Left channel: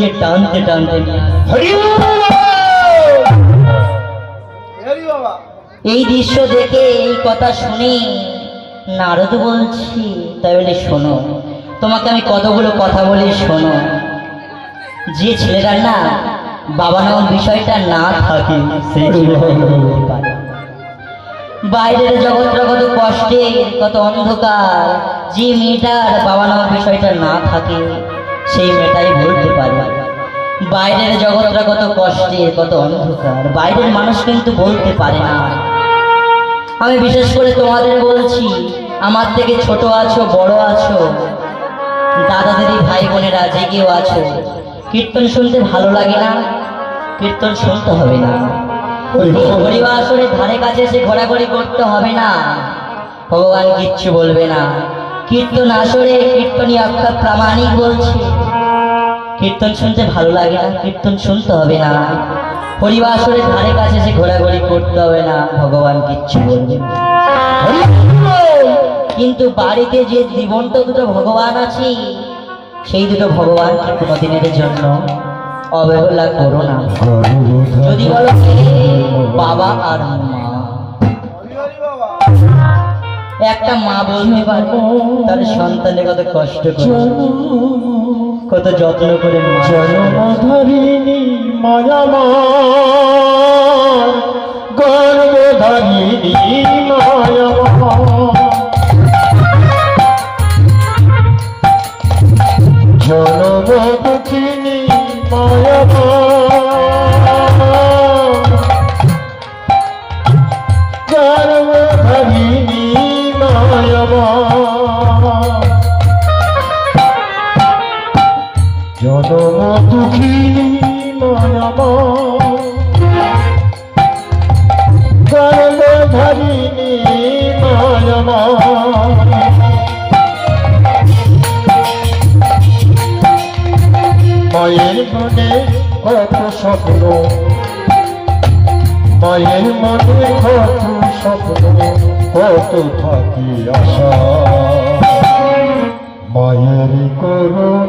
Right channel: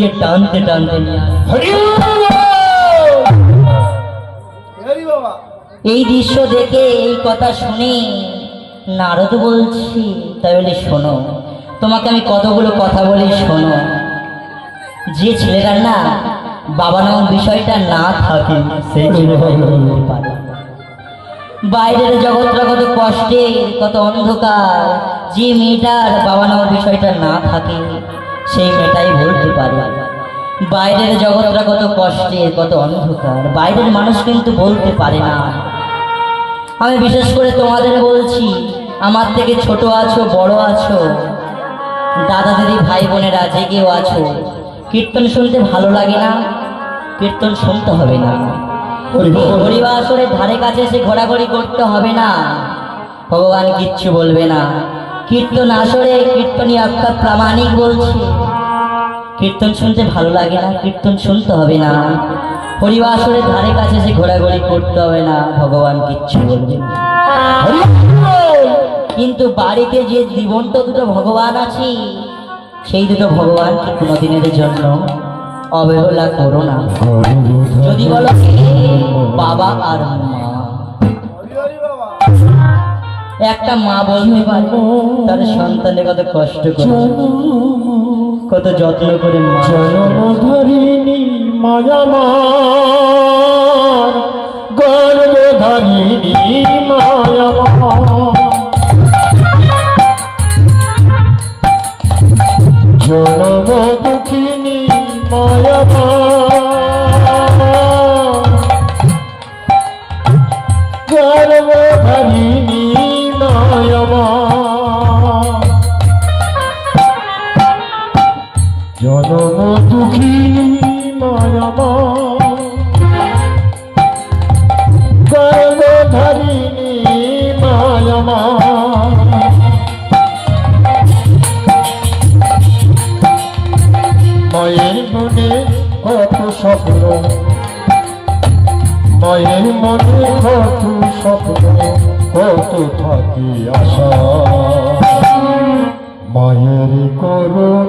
গিয়ে টানতে টানতে নিয়ে এই দৃশ্য দেখে এই কথা শুনে নারদ বলছি তাহলে শোনো, তোমাকে আমি কতগুলো কথা বলি শোনো। যে ছেলেরা না বাবা নামের বিষয়টা না থাকে সেই ছেলেটা বলতে পারে। বাইরের জগৎটা কত কষ্টের, কত অন্ধকার, যে মেয়েটার বাবা নামের বিষয়টা না থাকে সেই মেয়েটাই বলতে পারে। বাইরের জগৎটা কত কষ্টের, কত অন্ধকার, বাইরের মানুষ কিন্তু বলতে পারে না। আমি বিশেষ করে তোমাদের বলছি, আমার থেকে ছোট আছো, বড় আছো, দাদা দিদি ভাই বোনেরা যে কেউ আছো, কীর্তন শুনতে ভালো লাগে না? কীর্তন শুনতে হবে না। হরিবাসরের ধারে কাছে এসে ঘোরাঘুরি করতে হবে না, ভগবান কিচ্ছু বলবে না। কীর্তন আসরে কীর্তনী আপনার প্রামাণিক বলছে, কীর্তন শুনতে ভালো লাগে না, কীর্তন শুনতে হবে না। হরিবাসরের ধারে কাছে এসে ঘোরাঘুরি করতে হবে না, ভগবান কিচ্ছু বলবে না। কিন্তু বাড়িতে যে জীবন্ত দুটো ভগবান আছে, সেই দুটো ভগবানকে কোনোদিনের জন্য অবহেলা করো না। যদি বলো বাবা আর মা, একটা মা বলতে পারে তার সন্তানের কত কষ্ট করে, কত যত্ন করে জন্মধারিণী মায়া মা, গর্ভধারিণী মায়া মা, জন্মদুঃখিনী মায়া মা, গর্ভধারিণী মায়া মা, জন্মদুঃখিনী মায়া মা, গর্ভধারিণী মায়া মা। মায়ের মনে কত স্বপ্ন, মায়ের মনে কত স্বপ্ন, কত থাকি আশা, মায়ের করুণ